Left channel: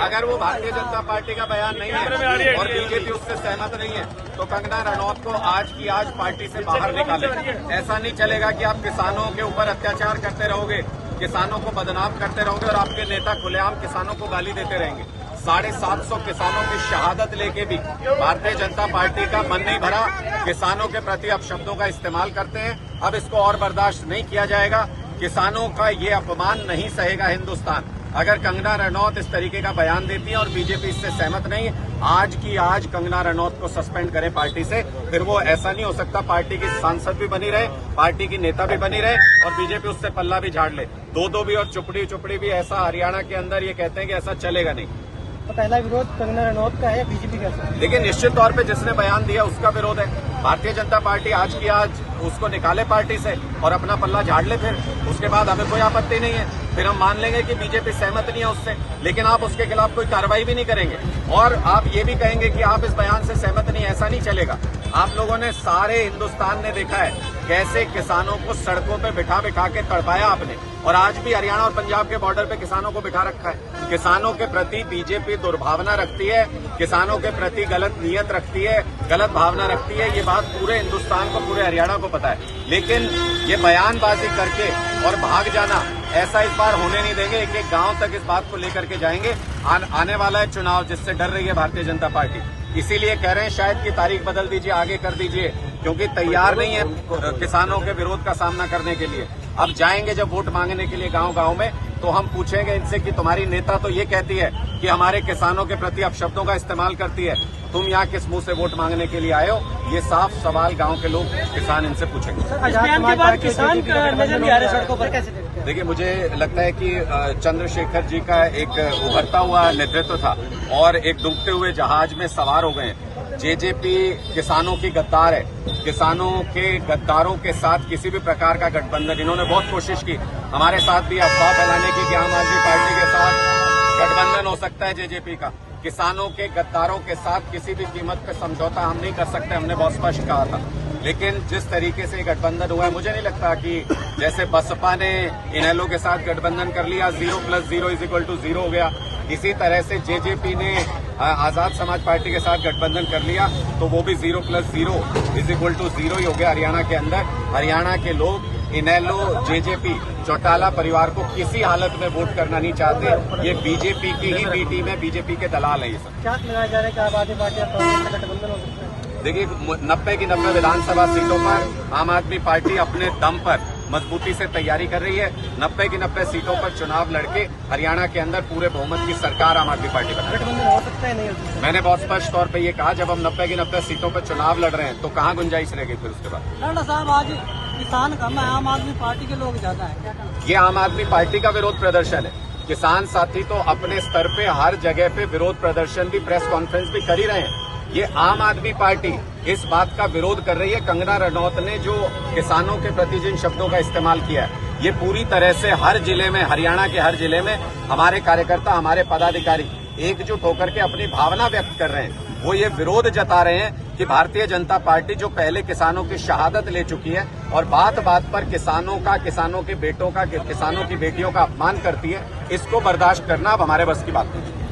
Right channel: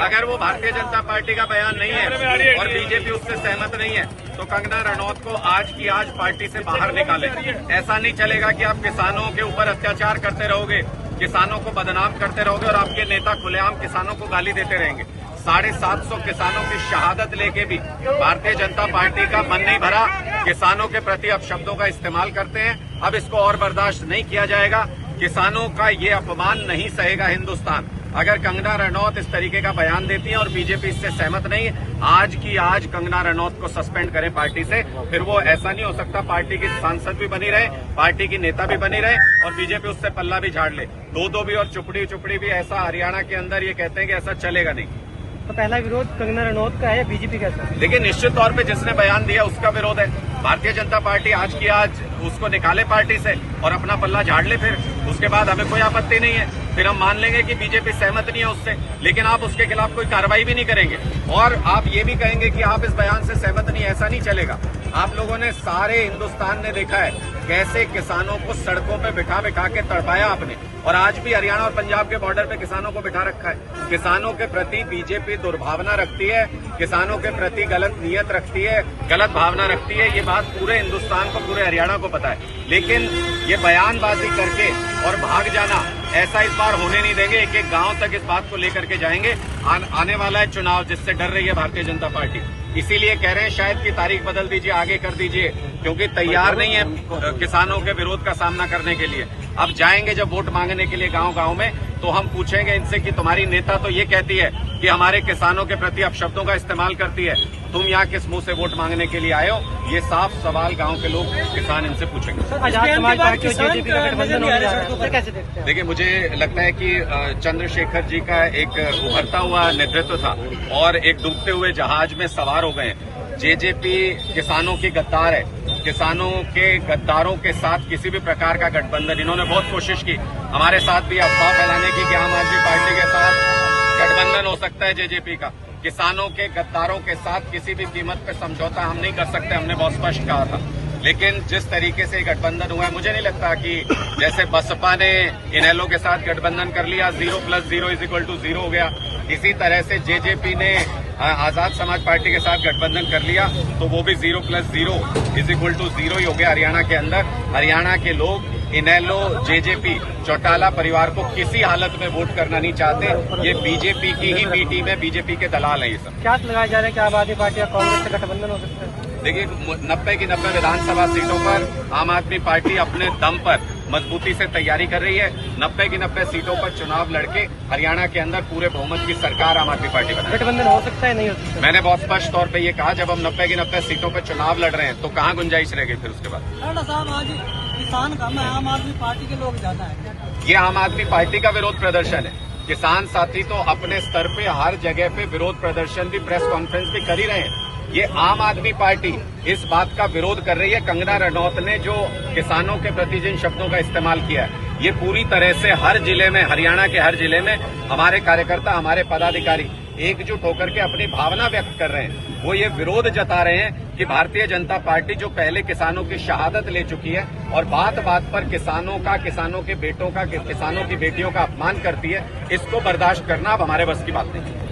अगर वो भारतीय जनता पार्टी का बयान नहीं है और बीजेपी उससे सहमत नहीं है तो कंगना रनौत को आज की आज पार्टी से बाहर निकाले। ऐसा नहीं चलेगा कि आप किसानों के ऊपर अत्याचार करते रहोगे, किसानों को बदनाम करते रहोगे और आपके नेता खुलेआम किसानों को गाली देते रहेंगे। 750 किसानों की शहादत लेके भी भारतीय जनता पार्टी का मन नहीं भरा, किसानों के प्रति अपशब्दों का इस्तेमाल करते हैं। अब इसको और बर्दाश्त नहीं किया जाएगा। किसानों का ये अपमान नहीं सहेगा हिंदुस्तान। अगर कंगना रनौत इस तरीके का बयान देती है और बीजेपी इससे सहमत नहीं है, आज की आज कंगना रनौत को सस्पेंड करें पार्टी से। फिर वो ऐसा नहीं हो सकता, पार्टी की सांसद भी बनी रहे, पार्टी की नेता भी बनी रहे और बीजेपी उससे पल्ला भी झाड़ ले। दो भी और चुपड़ी भी ऐसा हरियाणा के अंदर ये कहते हैं कि ऐसा चलेगा नहीं। तो पहला विरोध कंगना रनौत का है, बीजेपी का सर? देखिए, निश्चित तौर पे जिसने बयान दिया उसका विरोध है। भारतीय जनता पार्टी आज की आज उसको निकाले पार्टी से और अपना पल्ला झाड़ ले। फिर उसके बाद हमें कोई आपत्ति नहीं है, फिर हम मान लेंगे कि बीजेपी सहमत नहीं है उससे, लेकिन आप उसके खिलाफ कोई कार्रवाई भी नहीं करेंगे और आप ये भी कहेंगे कि आप इस बयान से सहमत नहीं। ऐसा नहीं चलेगा। आप लोगों ने, सारे हिंदुस्तान ने देखा है कैसे किसानों को सड़कों पे बिठा के तड़पाया आपने, और आज भी हरियाणा और पंजाब के बॉर्डर पे किसानों को बिठा रखा है। किसानों के प्रति बीजेपी दुर्भावना रखती है, किसानों के प्रति गलत नीयत रखती है, गलत भावना रखती है। ये बात पूरे हिंदुस्तान को, पूरे हरियाणा को पता है। लेकिन ये बयानबाजी करके और भाग जाना, ऐसा इस बार होने नहीं देंगे। एक गांव तक इस बात को लेकर के जाएंगे। आने वाला है चुनाव, जिससे डर रही है भारतीय जनता पार्टी। इसीलिए कह रहे हैं शायद की तारीख बदल दीजिए, आगे कर दीजिए, क्योंकि तैयार नहीं है किसानों के विरोध का सामना करने के लिए। अब जाएंगे जब वोट मांगने के लिए गांव में, तो हम पूछेंगे इनसे कि तुम्हारी नेता तो ये कहती है कि हमारे किसानों के प्रति अपशब्दों का इस्तेमाल करती है, तुम यहाँ किस मुंह से वोट मांगने के लिए आए हो? ये साफ सवाल गांव के लोग, किसान इनसे पूछेंगे। आजाद समाज पार्टी और जेजेपी का गठबंधन होने जा रहा है, तो कैसे देखते हैं? देखिए, मुझे लगता है कि चंद्रशेखर जी का एक उभरता हुआ नेतृत्व था और एक डूबते हुए जहाज में सवार हो गए। जेजेपी किसानों की गद्दार है। किसानों के गद्दारों के साथ किसी भी प्रकार का गठबंधन, इन्होंने बहुत कोशिश की हमारे साथ भी अफवाह फैलाने की कि आम आदमी पार्टी के साथ गठबंधन हो सकता है जेजेपी का। किसानों के गद्दारों के साथ किसी भी कीमत पे समझौता हम नहीं कर सकते, हमने बहुत स्पष्ट कहा था। लेकिन जिस तरीके से गठबंधन हुआ है, मुझे नहीं लगता कि जैसे बसपा ने इनेलो के साथ गठबंधन कर लिया, 0 + 0 = 0 हो गया, इसी तरह से जेजेपी ने आजाद समाज पार्टी के साथ गठबंधन कर लिया, तो वो भी 0 + 0 = 0 ही हो गया हरियाणा के अंदर। हरियाणा के लोग इनेलो, जेजेपी, चौटाला परिवार को किसी हालत में वोट करना नहीं चाहते। ये बीजेपी की ही बी टीम है, बीजेपी के दलाल है ये सब। क्या लगाया जा रहा है कि आम आदमी पार्टी और कांग्रेस से गठबंधन हो सकता है? देखिए, 90 की 90 विधानसभा सीटों पर आम आदमी पार्टी अपने दम पर मजबूती से तैयारी कर रही है। 90 की 90 सीटों पर चुनाव लड़के हरियाणा के अंदर पूरे बहुमत की सरकार आम आदमी पार्टी बनाए। गठबंधन हो सकता है, नहीं हो सकता? मैंने बहुत स्पष्ट तौर पे ये कहा, जब हम 90 की 90 सीटों पर चुनाव लड़ रहे हैं तो कहाँ गुंजाइश रह गई फिर उसके बाद? साहब, आज किसान कम है, आम आदमी पार्टी के लोग ज्यादा है। ये आम आदमी पार्टी का विरोध प्रदर्शन है। किसान साथी तो अपने स्तर पे हर जगह पे विरोध प्रदर्शन भी, प्रेस कॉन्फ्रेंस भी कर ही रहे हैं। ये आम आदमी पार्टी इस बात का विरोध कर रही है। कंगना रनौत ने जो किसानों के प्रति जिन शब्दों का इस्तेमाल किया है, ये पूरी तरह से हर जिले में, हरियाणा के हर जिले में हमारे कार्यकर्ता, हमारे पदाधिकारी एकजुट होकर के अपनी भावना व्यक्त कर रहे हैं। वो ये विरोध जता रहे हैं कि भारतीय जनता पार्टी जो पहले किसानों की शहादत ले चुकी है और बात बात पर किसानों का, किसानों के बेटों का, किसानों की बेटियों का अपमान करती है, इसको बर्दाश्त करना अब हमारे बस की बात नहीं है।